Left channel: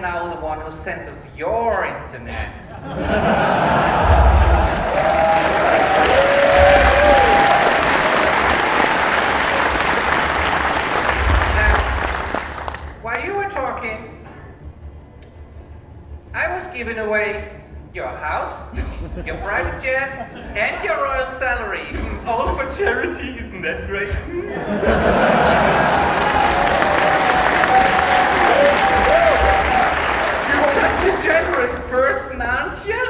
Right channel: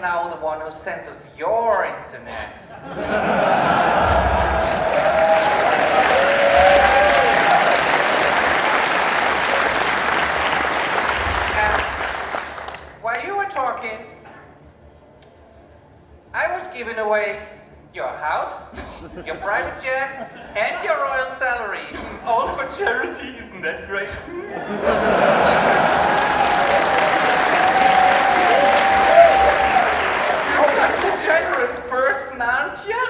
now the one who censors your internet. While you were talking, I was giving away your house, your private jet, and your royal salary. All for charity, isn't that great? You're such a generous person, aren't you?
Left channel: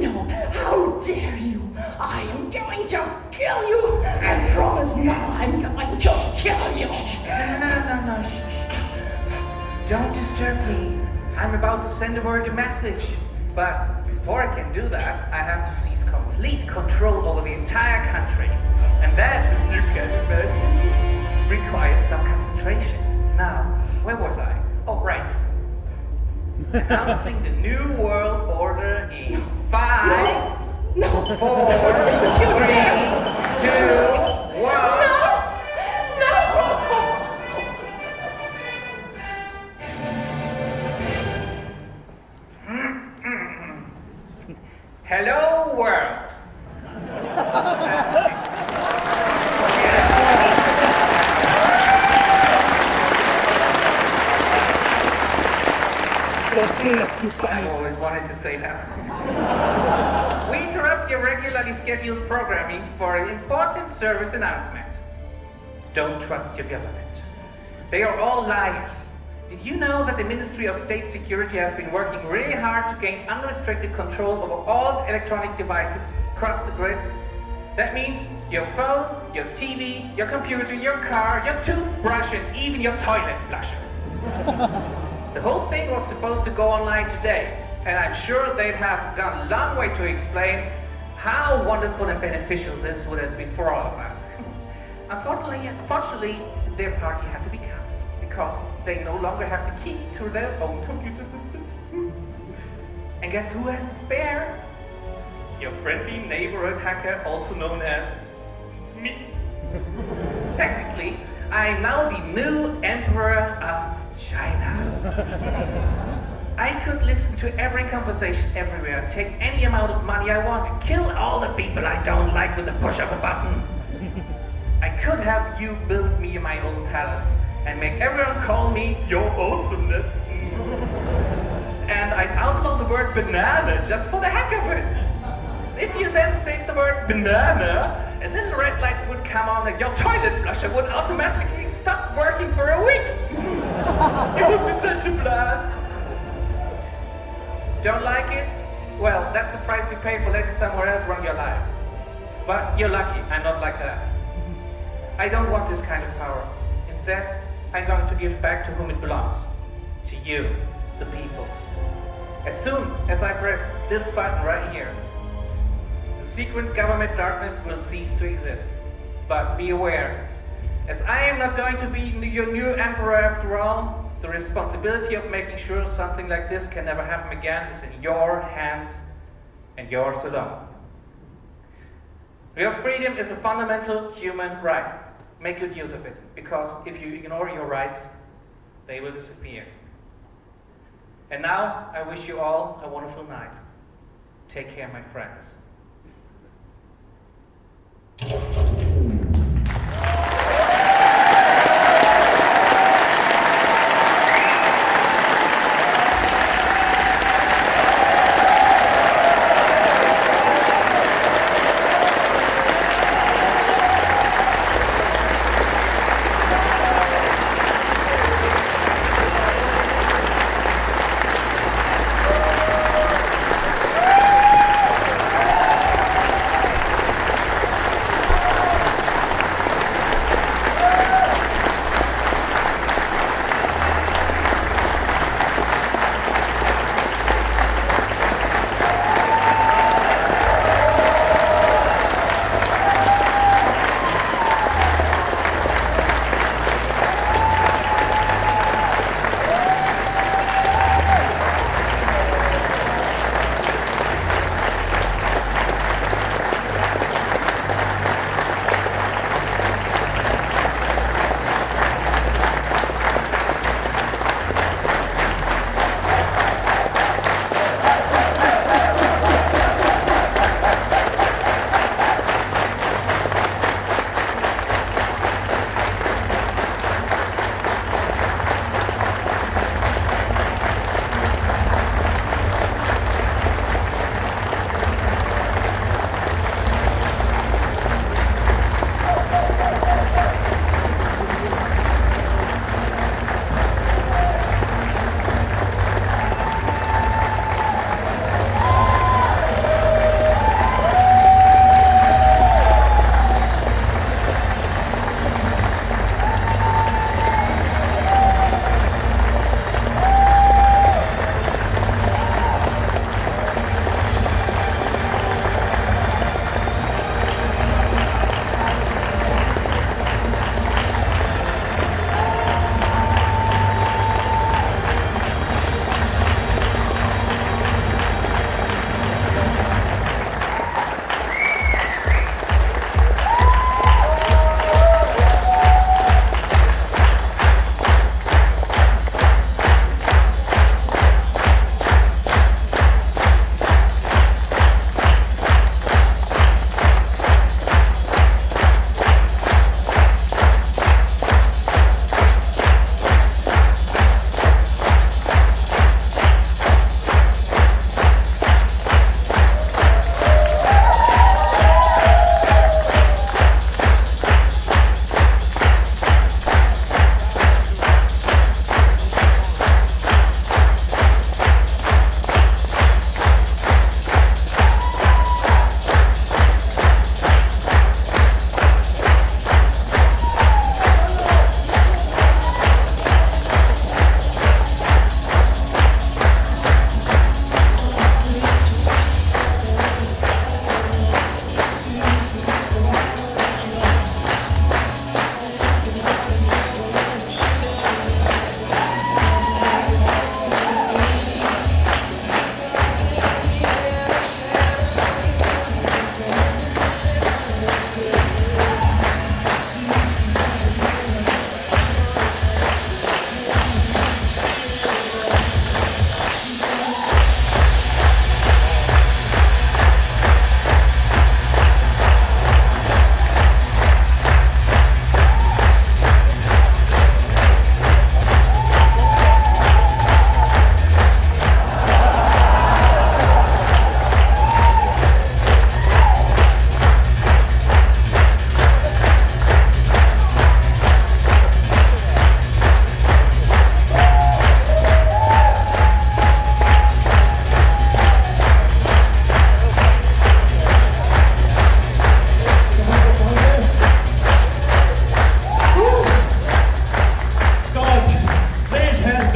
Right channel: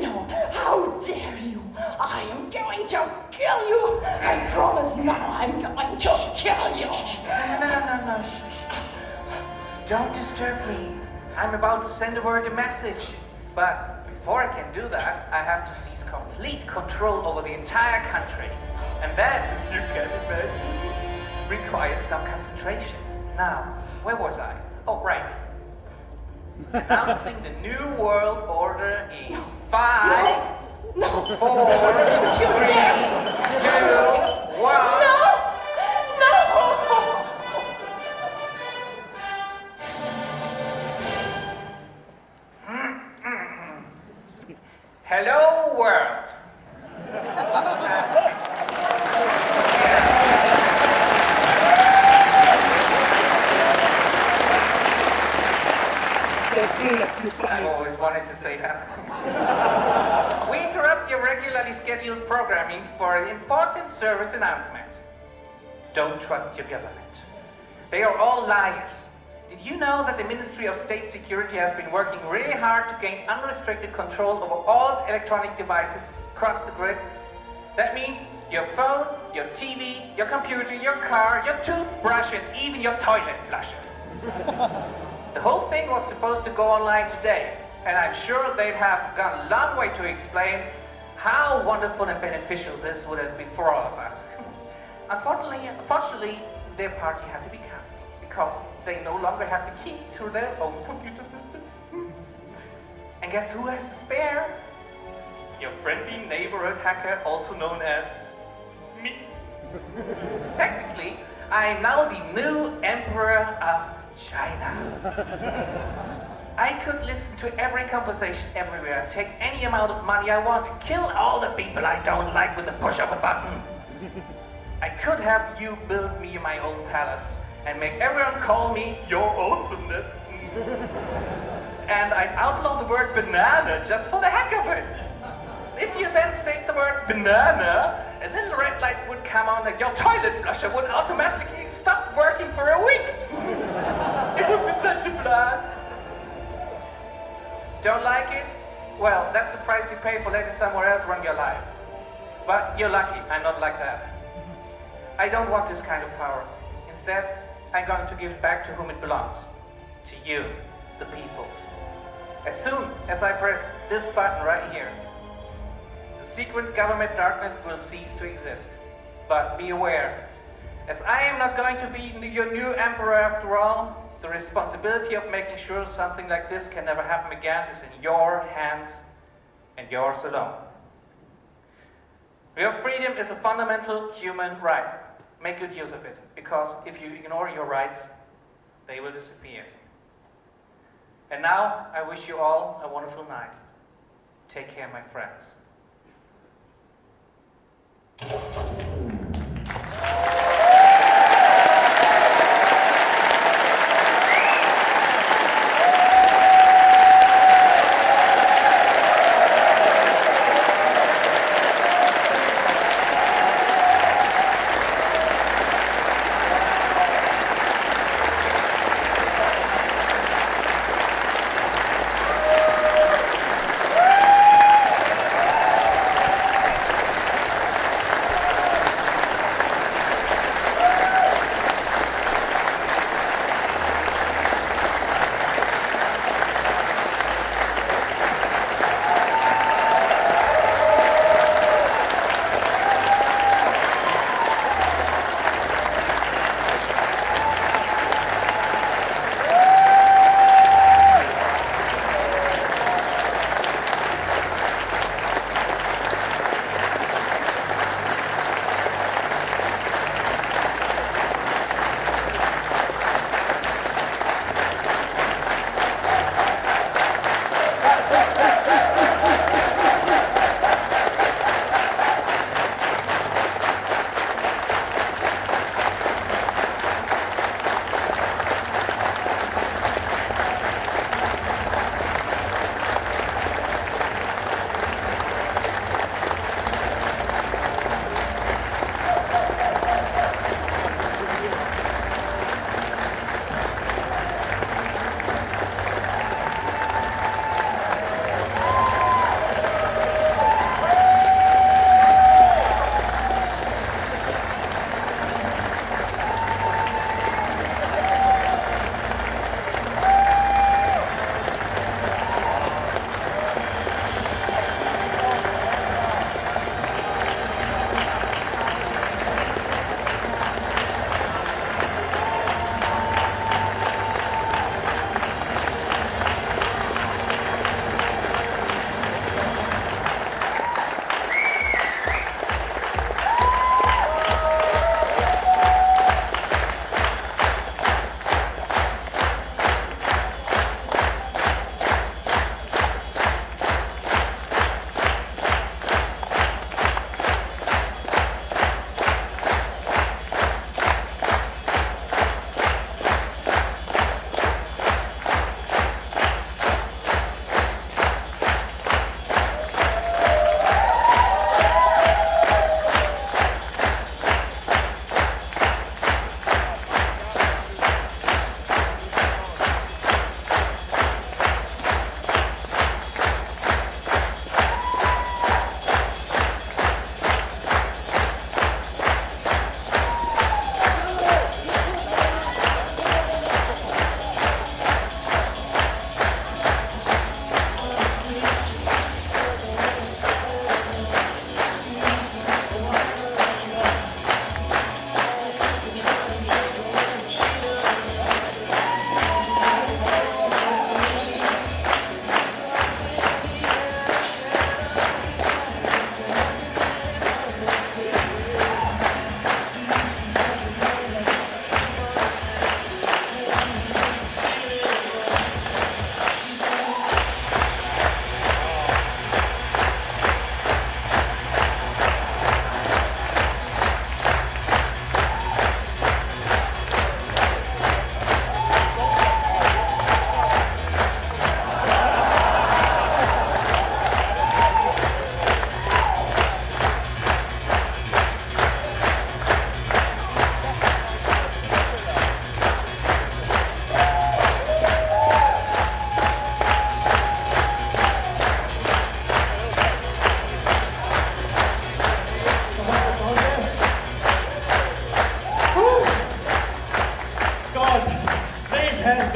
No, how dare you? I am going to kill you. I promise now I'm going to kill you. No. Don't disturb me. I'm about to send over the message. But before I can do that, I have to seize complete control over the entire country. And that, as you can imagine, requires some concentration. Now, where was I? Oh, right. Announcing the new world order in 5, 4, 3, 2, 1. Hello, world. I always wanted to say that. We interrupt your regularly scheduled programming for an important service announcement. Don't trust your government. They are all liars. Did you know that the Ministry of State Security has been working really hard to gain unrestricted control over all electronic devices across the grid? That means your phone, your TV, your computer, your car, your toothbrush, and even your toilet flusher. The whole thing was supposed to go online today, and I'm sure they'd have gone a long way to explain how wonderful and beneficial this would have been for all of us. Unfortunately, their party had to be cancelled because they no longer have the key to their own computer systems. And guess who has to spare? Your friendly neighborhood hacker, also known as me. Technically, I am now the new emperor of China. I could listen to every conversation everywhere, take any amount of money I want, and kill all the people I don't like with the push of a button. I could have you build me my own palace and make everyone call me your awesomeness. And I'd outlaw the word banana just for the heck of it. If you then say the word banana, and then the red light would come on and your toilet flusher would automatically stop working for a week. It would be such a blast. Don't like it? Well, that's the price you pay for letting someone else run your life. But you're lucky, I'm not like that. I don't want this kind of power. Instead, I'm going to give back to whom it belongs. To you, the people. As soon as I press this button right here, the secret government darknet will cease to exist. But be aware, as I am not going to be your new emperor after all, the responsibility of making sure something like this can never happen again is in your hands and yours alone. Your freedom is a fundamental human right. Make good use of it, because if you ignore your rights, they will disappear. And now, I wish you all a wonderful night. Take care, my friends.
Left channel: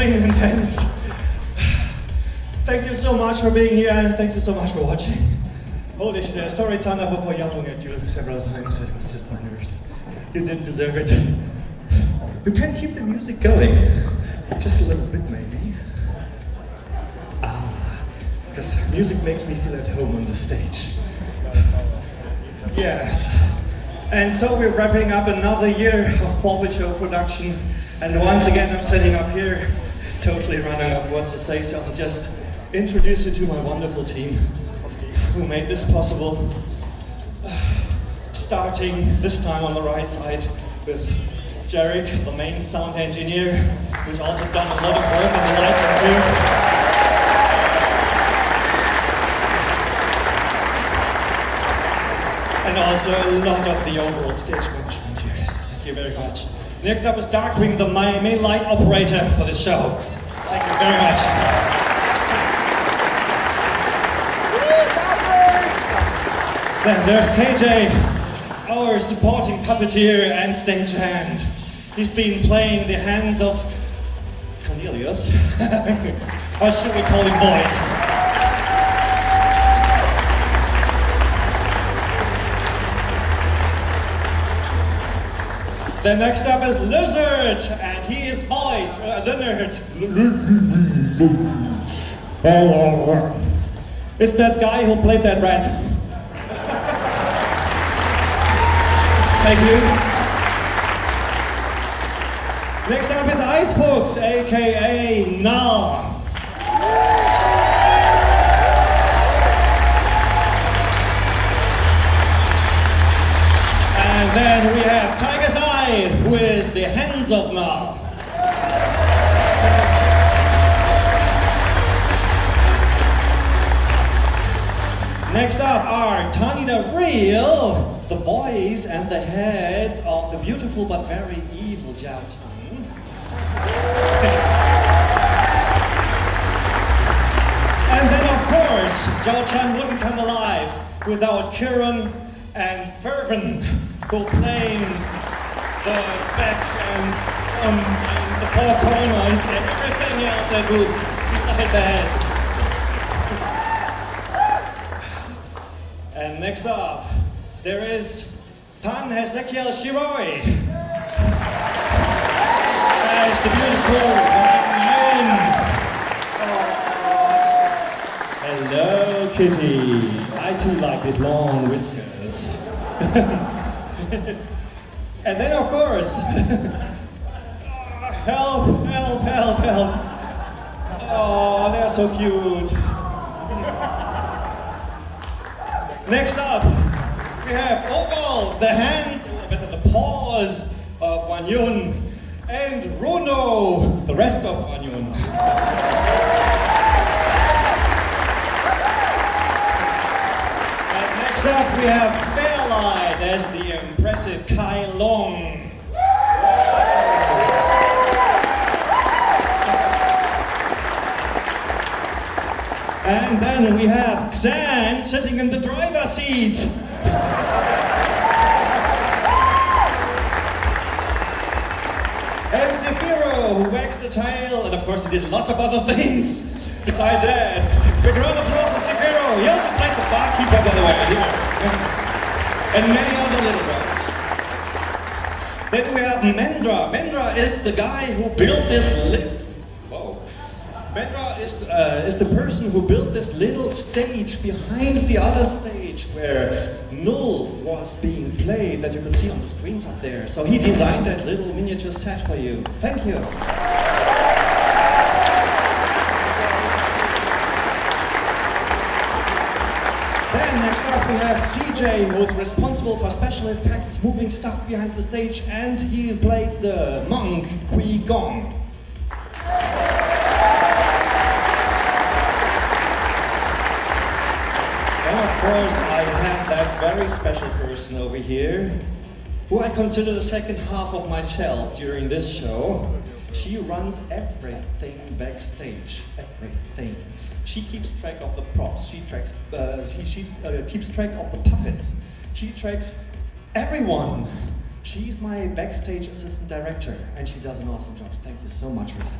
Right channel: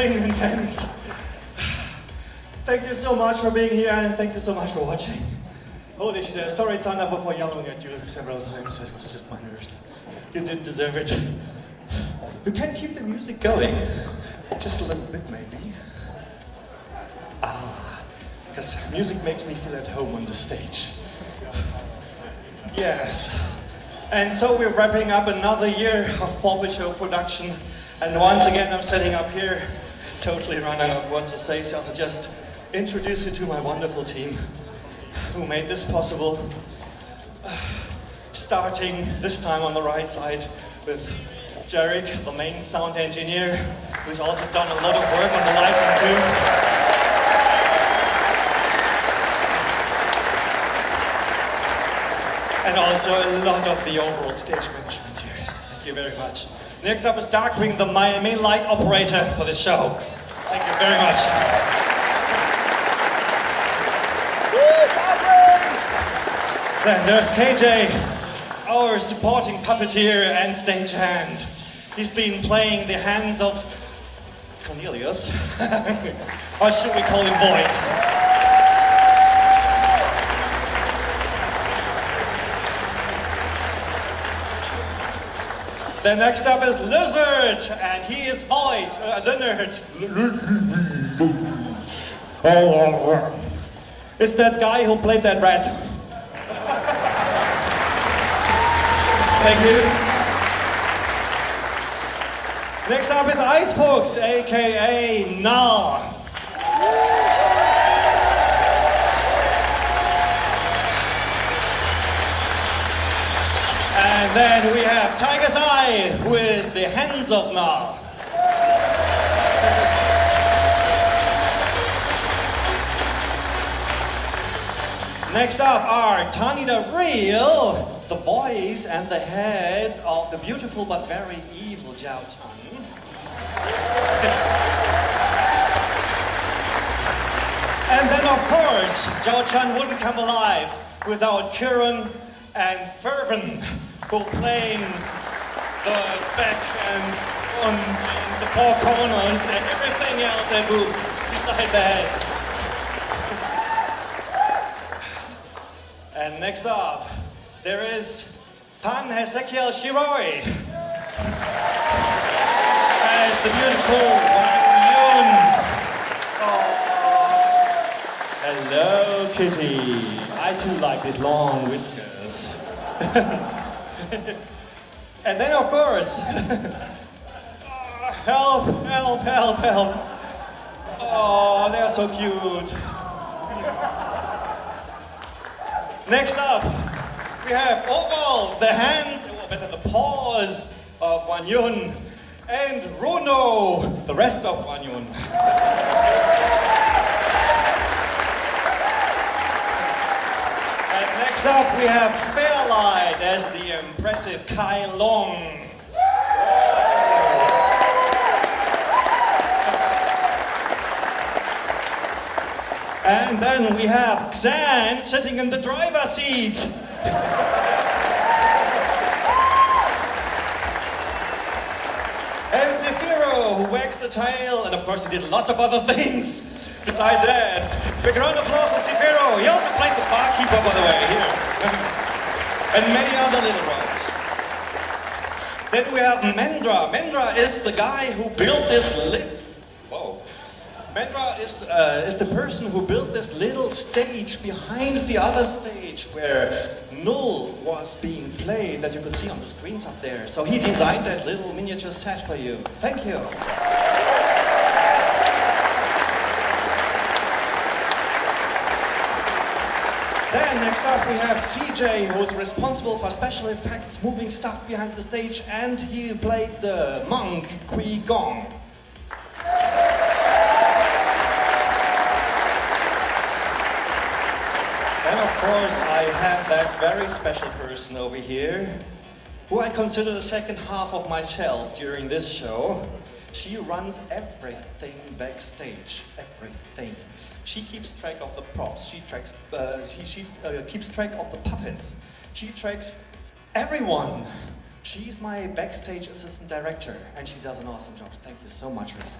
been intense. Thank you so much for being here, and thank you so much for watching. Holy shit, sorry it's on for yelling at you several times. It was just my nerves. You didn't deserve it. You can keep the music going. Just a little bit, maybe. Because music makes me feel at home on the stage. Yes. And so we're wrapping up another year of Paw Pet Show production. And once again, I'm sitting up here, totally running out of what to say, so I'll just introduce you to my wonderful team who made this possible. Starting this time on the right side with Jared, the main sound engineer, who's also done a lot of work on the lighting too. And also a lot of the overall stage management here. Thank you very much. Next up is Darkwing, the main light operator for this show. Thank you very much. Then there's KJ, our supporting puppeteer and stagehand. He's been playing the hands of Cornelius. Or should we call him Boyd? Then next up is Lizard, and he is Boyd, Leonard. It's that guy who played that rat. Thank you. Next up is Icehooks, aka Nah. And then we have Tiger's Eye, who is the hands of Nah. Next up are Tani the Real, the voice and the head of the beautiful but very evil Jiao Tang. And then of course, Zhao Chan wouldn't come alive without Kieran and Fervin, who playing the back and the four corners and everything else that group beside the head. And next up, there is Pan Hezekiel Shiroi as the beautiful Wang Yun. Hello, Kitty. I too like his long whiskers. And then, of course, help, help, help, help. Oh, they're so cute. Next up, we have Oval, the hands, the paws of Wan Yun, and Runo, the rest of Wan Yun. And next up, we have Fairlight as the impressive Kai Long. And then we have Xan sitting in the driver's seat. There's the hero who wags the tail, and of course he did lots of other things besides that. Big round of applause for Sekiro. He also played the barkeeper, by the way, here. And many other little ones. Then we have Mendra. Mendra is the guy who built this Mendra is the person who built this little stage behind the other stage where Null was being played that you can see on the screens up there. So he designed that little miniature set for you. Thank you. Then next up we have CJ, who's responsible for special effects, moving stuff behind the stage, and he played the monk Kui Gong. And of course, I have that very special person over here, who I consider the second half of myself during this show. She runs everything backstage, everything. She keeps track of the props, she keeps track of the puppets, she tracks everyone. She's my backstage assistant director, and she does an awesome job. Thank you so much, Lisa.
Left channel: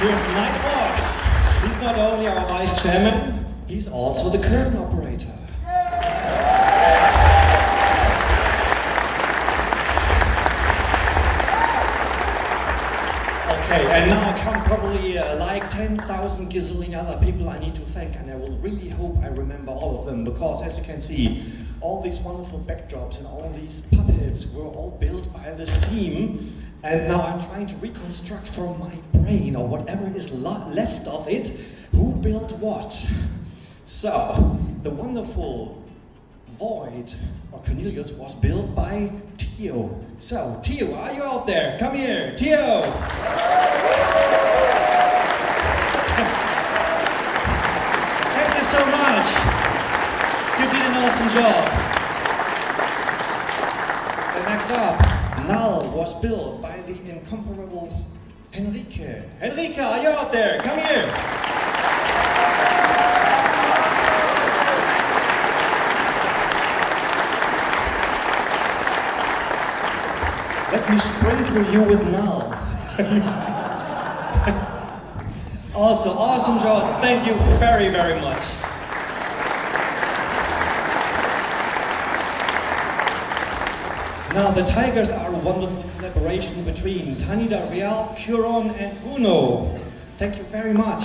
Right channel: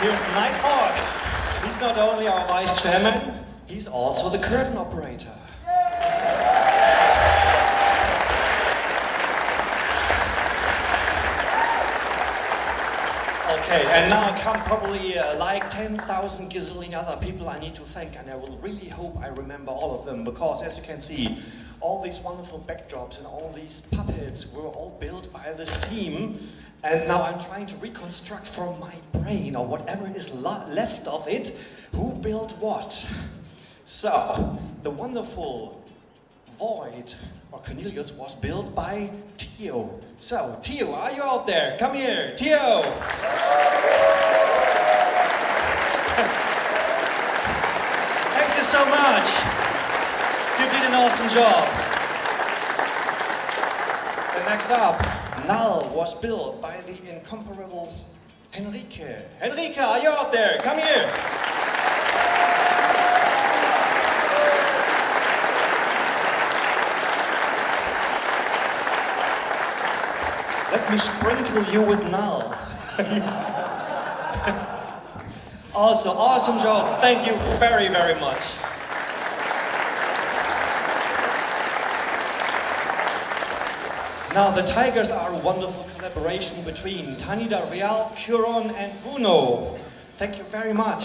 Here's Mike Fox. He's not only our vice chairman, he's also the curtain operator. Okay, and now come probably like 10,000 gazillion other people I need to thank, and I will really hope I remember all of them, because as you can see, all these wonderful backdrops and all these puppets were all built by this team, and now I'm trying to reconstruct from my brain, or whatever is left of it, who built what. So, the wonderful Void, or Cornelius, was built by Theo. So, Theo, are you out there? Come here, Theo! Thank you so much. You did an awesome job. And next up, Null was built by the incomparable Henrike. Henrike, are you out there? Come here. Let me sprinkle you with Null. Also, awesome job. Thank you very, very much. Now, the tigers are a wonderful collaboration between Tanida, Real, Curon, and Bruno. Thank you very much.